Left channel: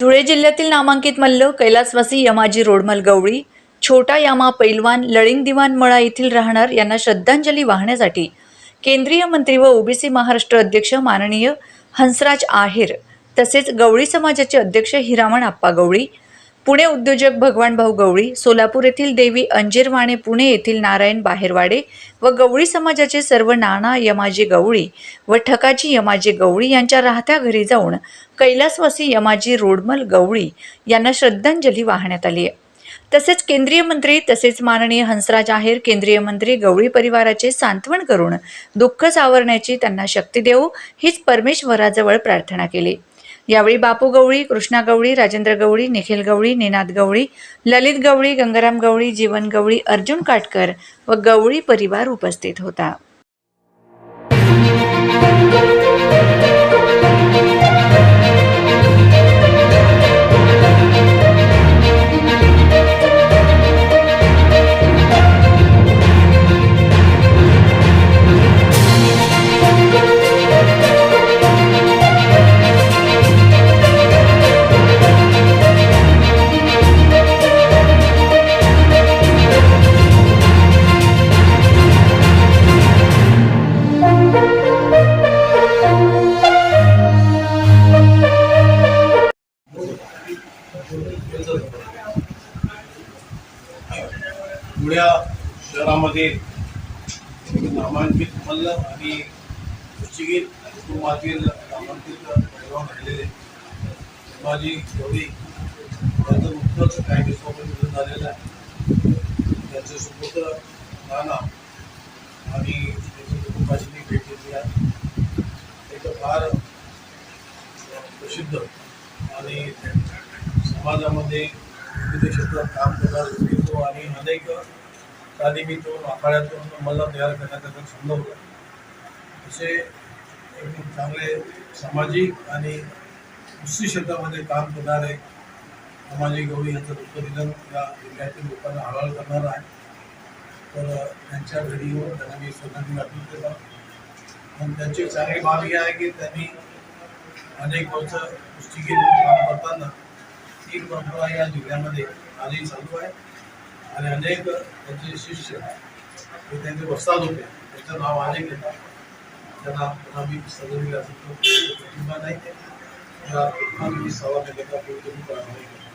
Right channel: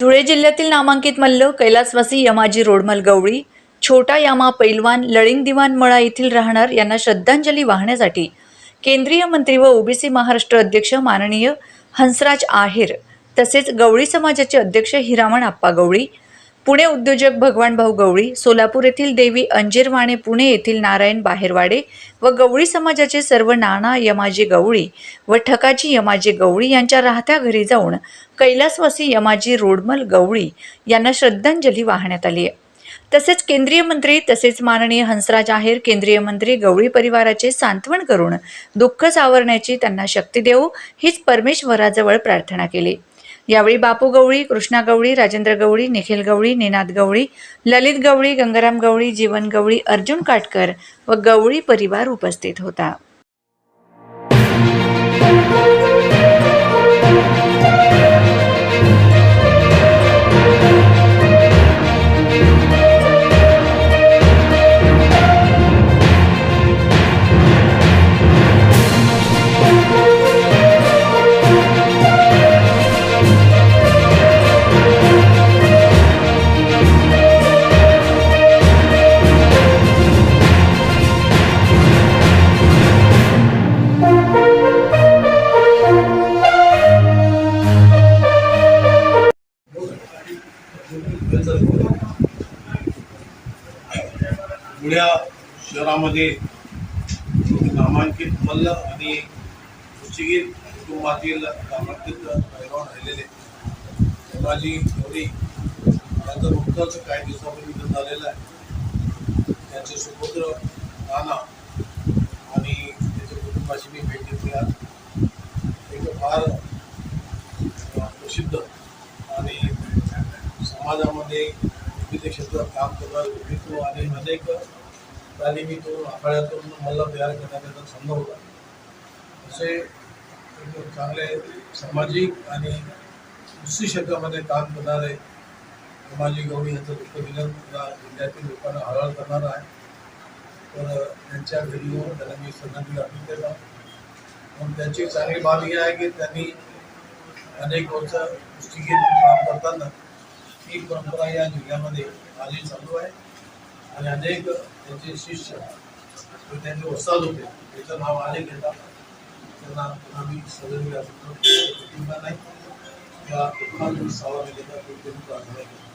धुळे जिल्ह्यातील नामांकित मल्ल कैलासवासी यमाजी रोडमल गवळी छोटा यामा पैलवान लळिंग दिवान मळा येथील राहणार यांना श्रद्धांजली वाहण्यासाठी केंद्रीय मंत्री व ओबीसी महाराष्ट्र अध्यक्ष माननीय हंसराज आहेर तसेच गवळी समाजाचे अध्यक्ष हिरामण आप्पा गवळी पुणे उद्योजक भगवान भाऊ गवळी सोलापूर येथील देवी अंजीरवाणे पुणे येथील नारायण बाहेरवाडे व गवळी समाजाचे सर्व नाना यमाजी गवळी व ठकाजी यमाजी गवळी यांच्या राहत्या घरी जाऊन कैलासवासी यमाजी रोडमल गवळी यांना श्रद्धांजली वाहण्यात आली आहे. तसेच केंद्रीय मंत्री तसेच माननीय हंसराज आहेर केंद्रीय मंत्री गवळी परिवाराचे सांत्वन करून दुःख सावरण्याची त्यांना शक्ती देऊ हीच परमेश्वराजवळ प्रार्थना केली. यावेळी बापू गवळी कृष्णा गवळी राजेंद्र गवळी निखिल गवळी निनाद गवळी ललित गवळी गंगाराम गवळी जीवन गवळी अर्जुन काटकर व गवळी परिवार उपस्थित होता. धुळ्या शहरामध्ये नामांकित मल्ल आणि कुस्तीगीर कुटुंबातील नामांकित पैलवान राहिलेले संभाजी गवळी यांचं नुकतंच काही दिवसापूर्वी निधन झालेलं आहे. त्यांचे सुपुत्र नाना आणि त्याच्या कुटुंबाची मी भेट घेतली आहे एक फार प्रसिद्ध आणि समाजामध्ये विविध क्षेत्रात काम करणारा व्यक्तित्व आणि अनेक तालिमीतून आखाड्यातून मला तयार करण्याचा त्यांचा होता. असे एकदम चांगले सामाजिक आणि दुसरी क्षेत्रामध्ये काम करणारे समाजी गवळी यांचं दुःख या जिल्ह्यातील लोकांना हळहळ करणार आहे. तर त्यांच्या घरी येऊन त्यांना मी श्रद्धांजली अर्पण केला पण त्यांची चांगली बाब ही आहे की त्यांनी अनेक वर्ष कुस्तीगीर काम करताना ही परंपरा या जिल्ह्यामध्ये आजही चालू आहे. आणि अनेक त्यांचे शिष्य हे त्यांचे वस्ताद होते त्याचं नाव अनेक येतात त्यांना पुन्हा मी सजवली असं नाही. या दुःखात मी सावा केलेला प्रार्थना केली